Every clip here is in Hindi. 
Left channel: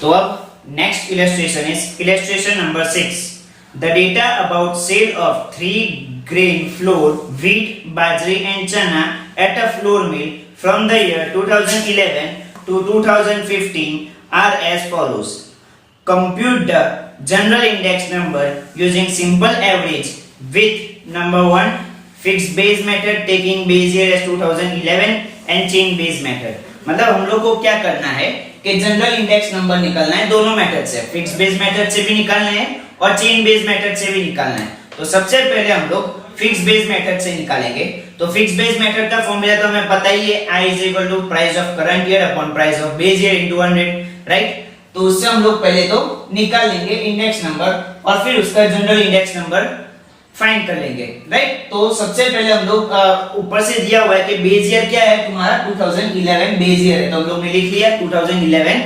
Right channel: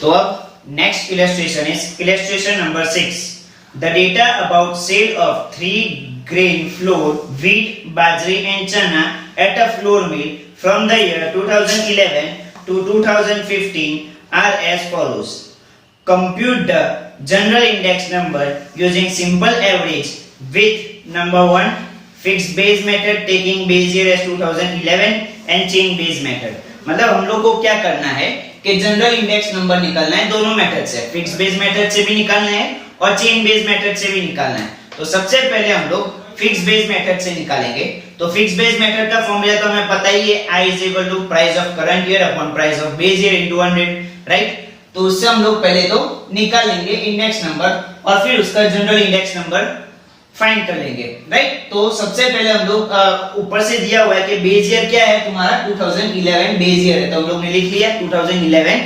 तो अब next illustration is illustration number 6. The data about sale of 3-grain flour, wheat, bajra and chana at a flour mill from the year 2011 to 2015 are as follows. Compute the general index number using simple average with number 1 fixed base method taking base year as 2011 and chain base method. मतलब हम लोग को क्या करना है कि जनरल इंडेक्स नंबर निकालना है दोनों मेथड से, फिक्स बेस मेथड से भी निकालना है और चेन बेस मेथड से भी निकालना है. तो सबसे पहले हम लोग फिक्स बेस मेथड से निकालेंगे. तो फिक्स बेस मेथड का फॉर्मूला तो हमें पता ही है, I is equal to price of current year upon price of base year into 100, right. तो उससे हम लोग पहले तो निकाल लेंगे इंडेक्स नंबर और फिर उसका जनरल इंडेक्स नंबर फाइंड कर लेंगे, राइट. तो सबसे पहले हम लोग ऊपर से दिया हुआ है कि बेस ईयर क्या है तुम्हारा 2011 बेस ईयर है, तो हम लोग ने लिख लिया 2011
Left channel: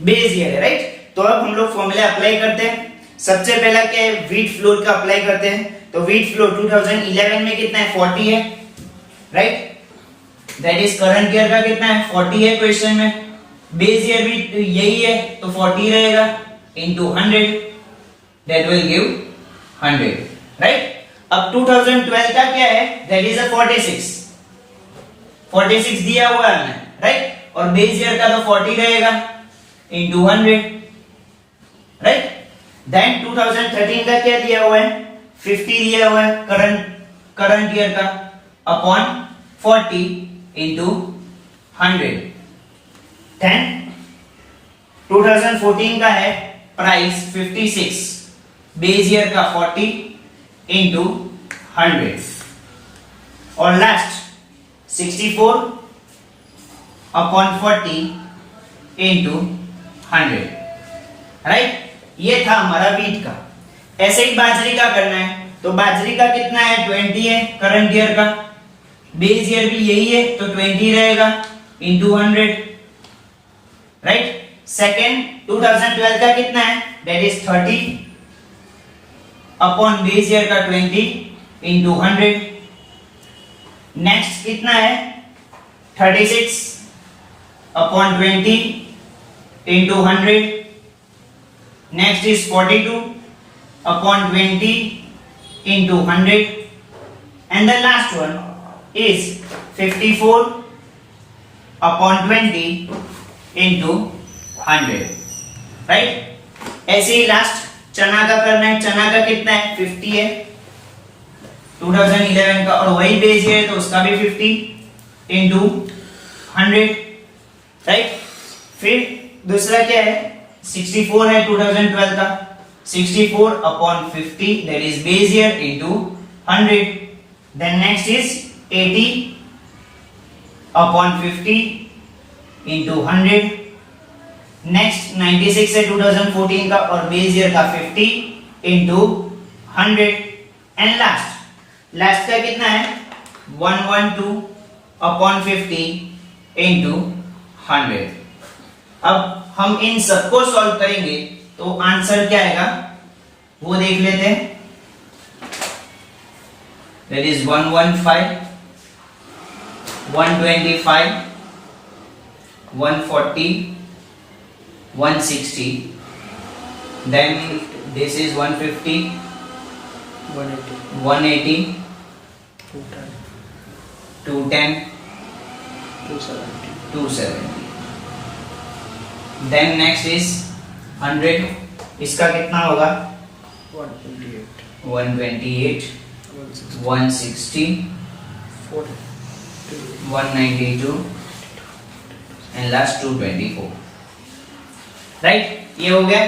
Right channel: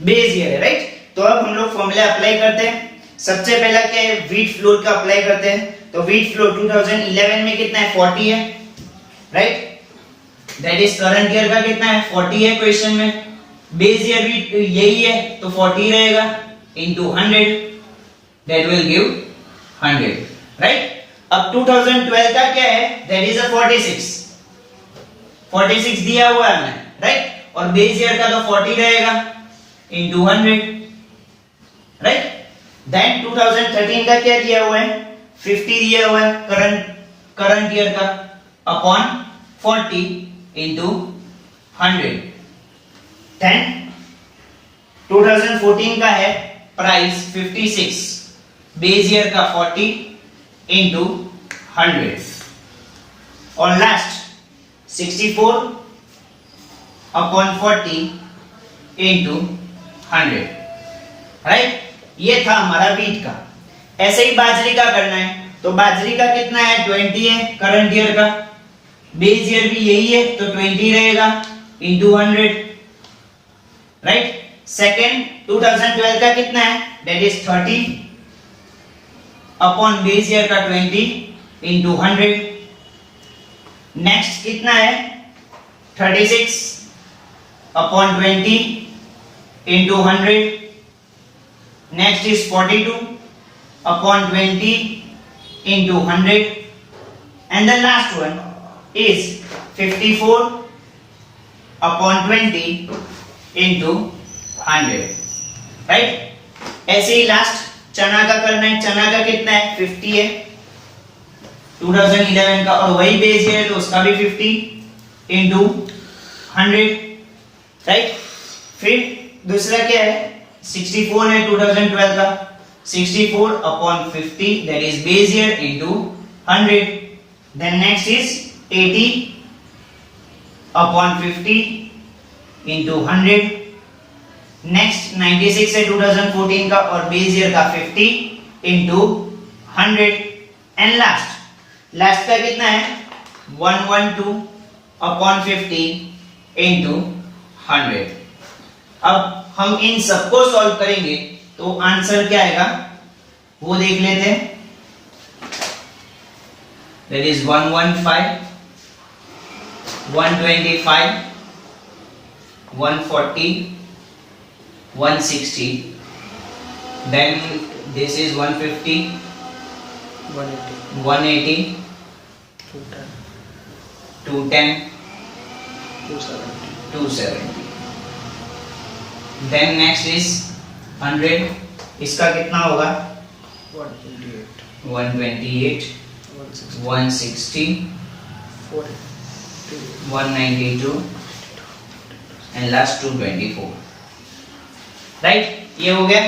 बेस ईयर है, राइट. तो अब हम लोग फॉर्मूला अप्लाई करते हैं. सबसे पहला क्या है, व्हीट फ्लोर का अप्लाई करते हैं. तो व्हीट फ्लोर 2011 में कितना है 40 है, right. That is current year का कितना है 40 है क्वेश्चन में. बेस ईयर भी यही है तो 40 रहेगा into 100, that will give 100, right. अब 2012 का क्या है, दैट इज अ 46 दिया हुआ है हमें, राइट. और बेस ईयर का तो 40 रहेगा इनटू 100, राइट. देन 2013 का क्या दिया हुआ है 50 दिया हुआ है करंट ईयर का अपॉन 40 इनटू 100. देन 2014 का है प्राइस 56, बेस ईयर का 40 इनटू 100 और लास्ट 64 अपॉन 40 इनटू 100, राइट. ये था हमारा व्हीट का. ऐसे ही बाजरी का करना है. तो बाजरी का कितना है 20 है करंट ईयर का, बेस ईयर भी यही है तो 20 रहेगा इनटू 100, राइट. सेकंड 2012 का कितना है, that is 30 upon base year का 20 इनटू 100. नेक्स्ट कितना है 36 upon 20 into 100. Next is 42 upon 20 into 100 and the last one is 54 upon 20 into 100, right. ऐसे ही लास्ट चना का करना है. चना का कितना है 50 है 2011 का और वही बेस है तो उसका भी 50 इनटू 100, राइट. फिर दूसरा क्या है 64 है 2012 का, 64 upon 50 that is base year into 100. Then next is 80 upon 50 into 100. Next 96 है 2014 का और बेस ईयर का 50 इनटू 100 एंड लास्ट का कितना है 112 अपॉन 50 इनटू 100. अब हम इन सबको सॉल्व करेंगे तो आंसर क्या आएगा वो देख लेते हैं. That is 115 125 140 160. Then this is 150 180 210 270. Then next is 100. इसका कितना होगा 128 160 192 and last 224, राइट. ये हो गया.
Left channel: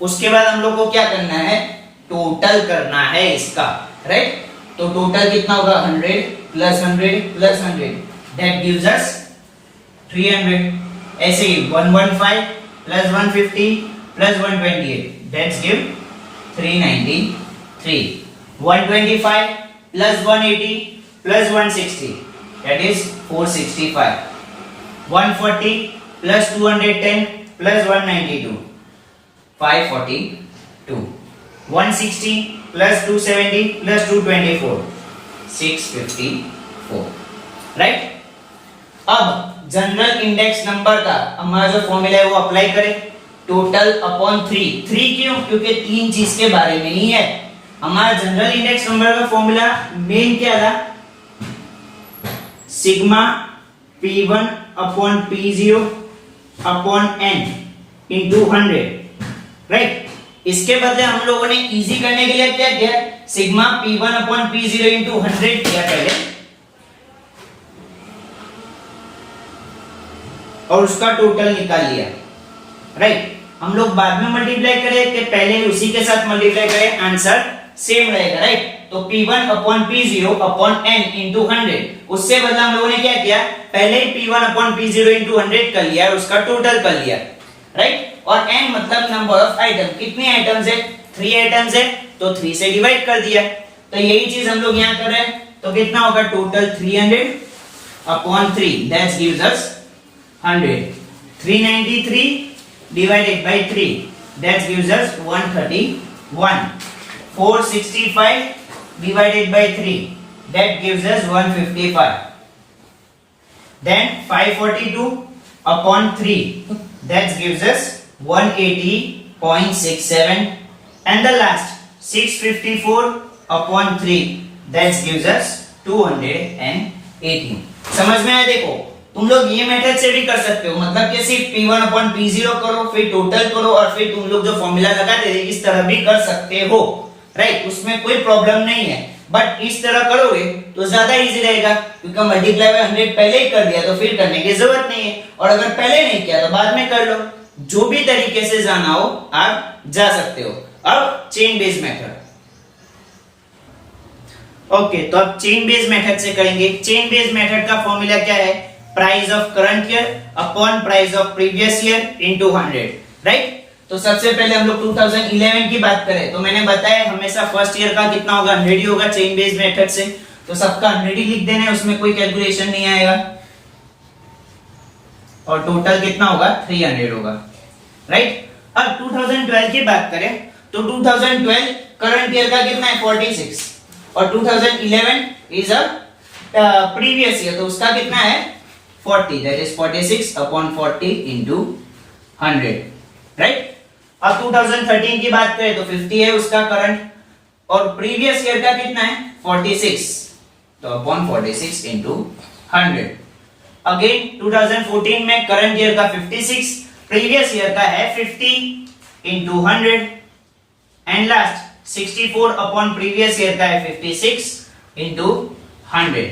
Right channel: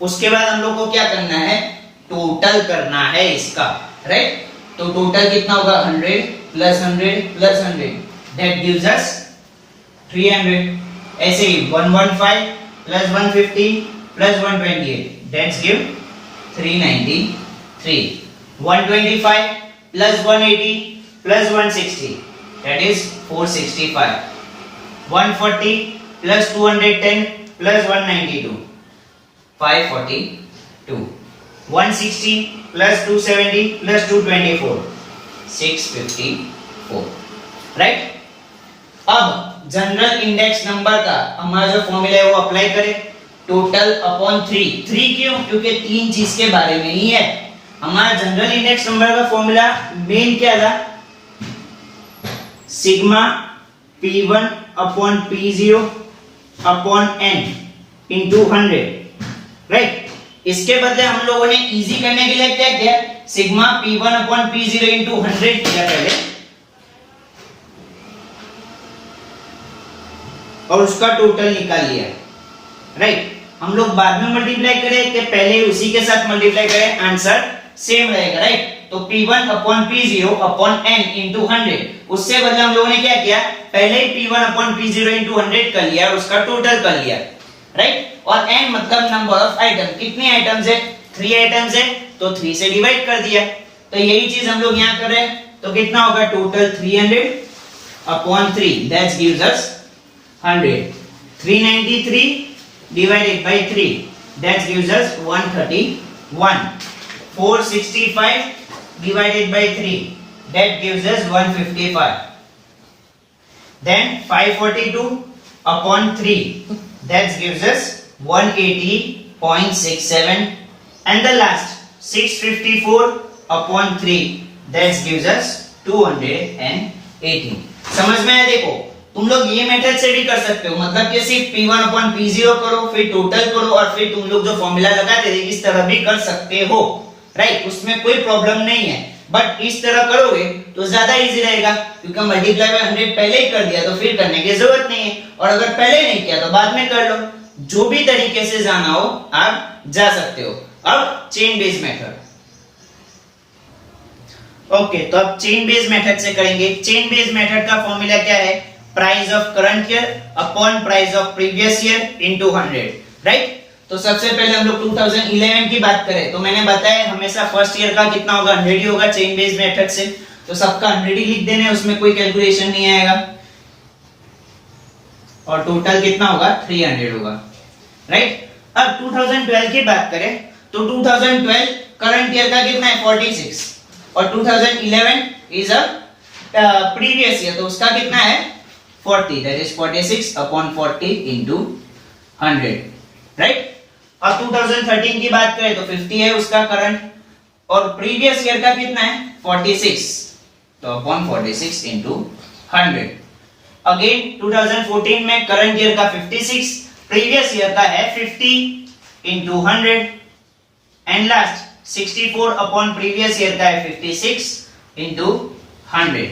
उसके बाद हम लोग को क्या करना है टोटल करना है इसका, राइट. तो टोटल कितना होगा 100 plus 100 plus 100 that gives us 300. ऐसे ही 115 plus 150 plus 128 that's give 393. 125 plus 180 plus 160 that is 465. 140 plus 210 plus 192 542. 160 plus 270 plus 224 654, right. अब जनरल इंडेक्स नंबर का हमारा जो फॉर्मूला है वो अप्लाई करें. टोटल अपॉन 3 क्यों? क्योंकि 3 चीज के बारे में ही है। हमारा जनरल इंडेक्स नंबर का फॉर्मूला मेन क्या था? Sigma P1 upon P0 upon n into 100, right. इसके बदले हम लोगों ने इजी करने के लिए क्या किया? Sigma P1 upon P0 into 100 किया पहले, और उसका टोटल निकाल लिया, राइट। हम लोग बाद में मल्टीप्लाई करें कि पहले उसी के साथ मल्टीप्लाई करें? आंसर सेम रहेगा, राइट। तो P1 upon P0 upon n into 100, उससे बदला हम लोगों ने क्या किया? पहले ही P1 अपॉन P0 इंटू 100 कर लिया और उसका टोटल कर लिया, राइट। और n मतलब नंबर ऑफ आइटम, कितने आइटम्स है? 3 आइटम्स है, तो 3 से डिवाइड कर दिया। तो यही चीज हम लोग यहाँ कर रहे हैं, तो कितना होगा? Total 300 upon 3, that gives us 100। 393 divided by 3, that gives us 131. 465 divided by 3, that gives us 155. Then 542 upon 3, that gives us 180.67. And the last 654 upon 3, that gives us 218. समझ में आया? देखो तुम लोग ये मेथड से भी कर सकते हो, मतलब कि सिर्फ P1 अपॉन P0 करो, फिर टोटल करो, और फिर तुम लोग जो फॉर्मूला लगाते थे इस तरह भी कर सकते हो, राइट। उसमें कोई प्रॉब्लम नहीं है, बट इस तरह करोगे तो ज्यादा इजी रहेगा, क्योंकि मल्टीप्लाई बाय 100 पहले ही कर दिया तो फिर करने की जरूरत नहीं है, और अगर पहले नहीं किया तो बाद में कर लो। जो भी तरीके से जाना हो आप जा सकते हो। अब चेन बेस्ड मेथड, ओके, तो अब चेन बेस्ड मेथड से करेंगे। चेन बेस्ड मेथड का फॉर्मूला क्या है? Price of current year upon price of previous year into 100, right. तो सबसे पहले हम लोग 2011 की बात करें तो मैंने बताया हमेशा फर्स्ट ईयर का कितना होगा? 100 ही होगा चेन बेस्ड मेथड से, तो सबका 100 ही लिख देना है, उसमें कोई कैलकुलेशन नहीं आएगा। और टोटल कितना होगा? 300 होगा, राइट। अब 2012 की बात करें तो 2012 करंट ईयर का कितना है? 46, और 2011 इज अ प्रीवियस ईयर, तो उसका कितना है? 40, that is 46 upon 40 into 100, right. अब 2013 की बात करें तो 50 है उसका करंट, और प्रीवियस ईयर का कितना है? 46, तो अपॉन 46 into 100। अगेन 2014 में करंट ईयर का 56, प्रीवियस ईयर का है 50 into 100, and last 64 upon previous year का है 56 into 100।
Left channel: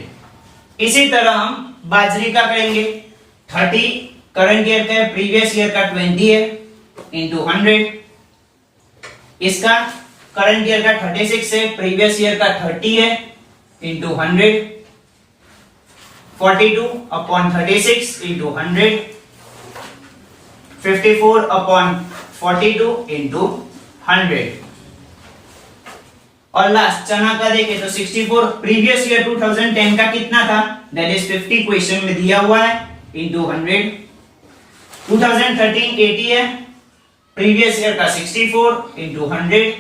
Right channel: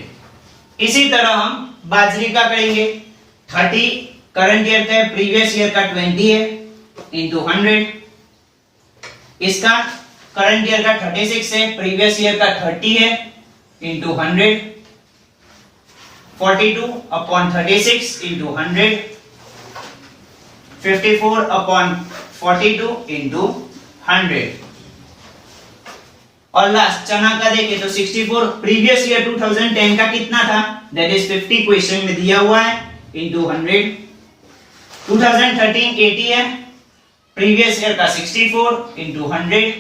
इसी तरह हम बाजरी का करेंगे। 30 करंट ईयर का है, प्रीवियस ईयर का 20 है, इंटू 100। इसका करंट ईयर का 36 है, प्रीवियस ईयर का 30 है, into 100। 42 upon 36 into 100। 54 upon 42 into 100। और लास्ट चना का देखें तो 64 प्रीवियस ईयर 2010 का कितना था? दैट इज 50 क्वेश्चन में दिया हुआ है, इंटू 100। 2013 80 है, प्रीवियस ईयर का 64 इंटू 100।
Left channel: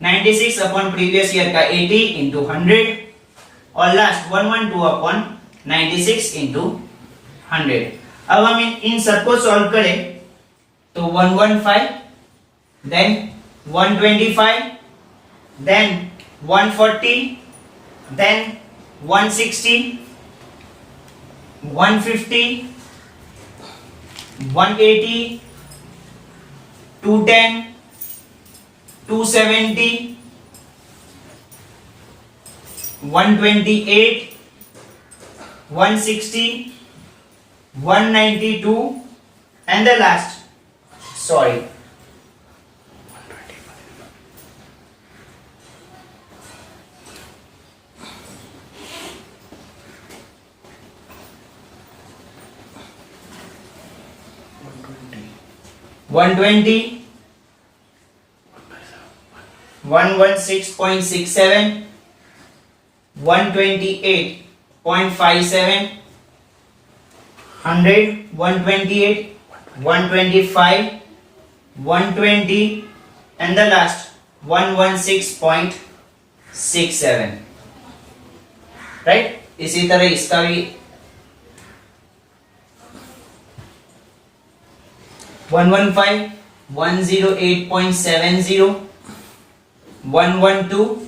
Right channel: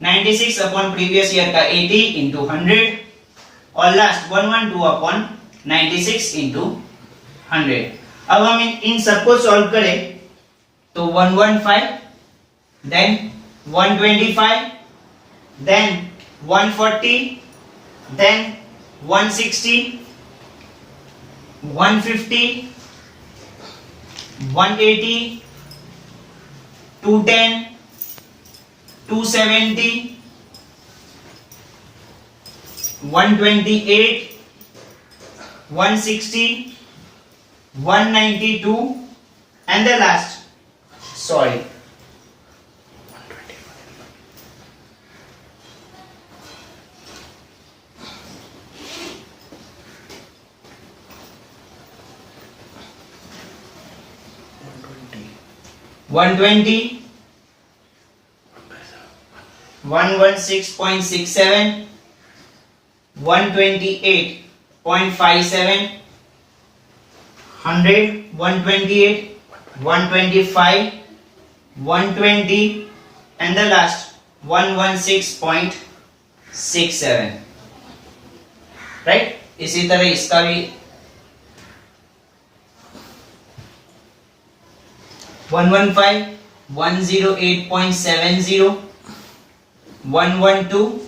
96 अपॉन प्रीवियस ईयर का 80 इंटू 100, और लास्ट 112 अपॉन 96 इंटू 100। अब हम इन सबको सॉल्व करें तो 115, then 125, then 140, then 160, 150, 180, 210, 270, 128, 160, 192, and the last, sorry, 120, 116.67, 128.57, 100, 128, 125, 120, and the last 116.67, right. इसी तरह इसका भी 115 108.70 112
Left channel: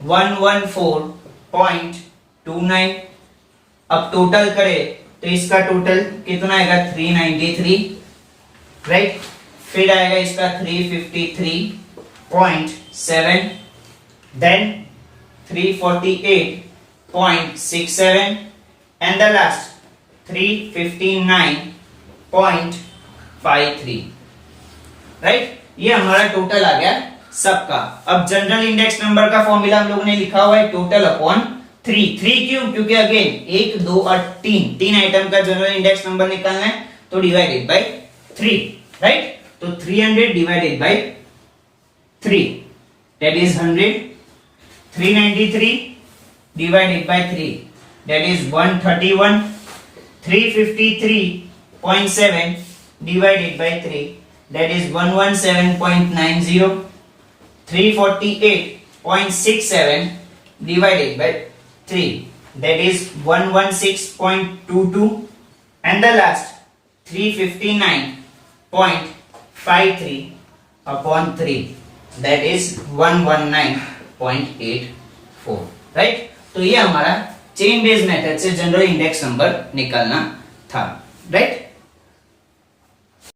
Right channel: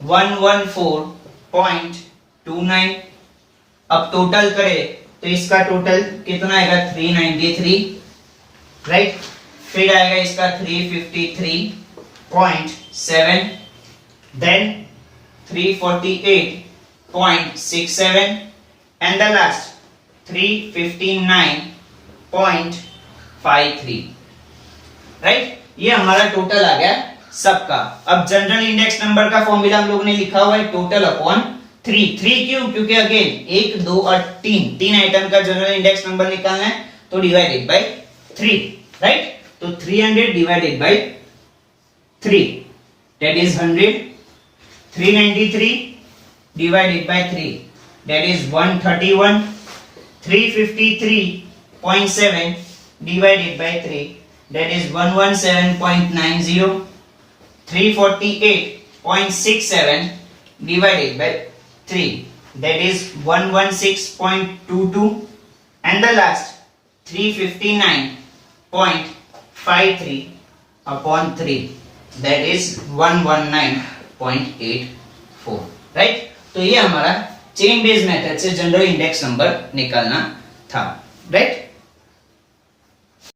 114.29। अब टोटल करें तो इसका टोटल कितना आएगा 393, राइट। फिर आएगा इसका 353.7, then 348.67 and the last 359.53, right. ये हमारा टोटल आ गया सबका। अब जनरल इंडेक्स नंबर का फॉर्मूला हम लोग ने लिखा हुआ है टोटल अपॉन 3। क्यों? क्योंकि अगेन 1 2 और 3 आइटम का जनरल इंडेक्स नंबर निकालना है, तो डिवाइडेड बाय 3, राइट। तो 300 divided by 3 that is 100, 393 divided by 3 that is 131, 353.7 divided by 3 that is 117.90, 348.67 divided by 3 that is 116.22 and the last 359.53 upon 3 that is 119.84, right. तो ये हमारा चेन बेस्ड मेथड से जनरल इंडेक्स नंबर निकालना था, राइट।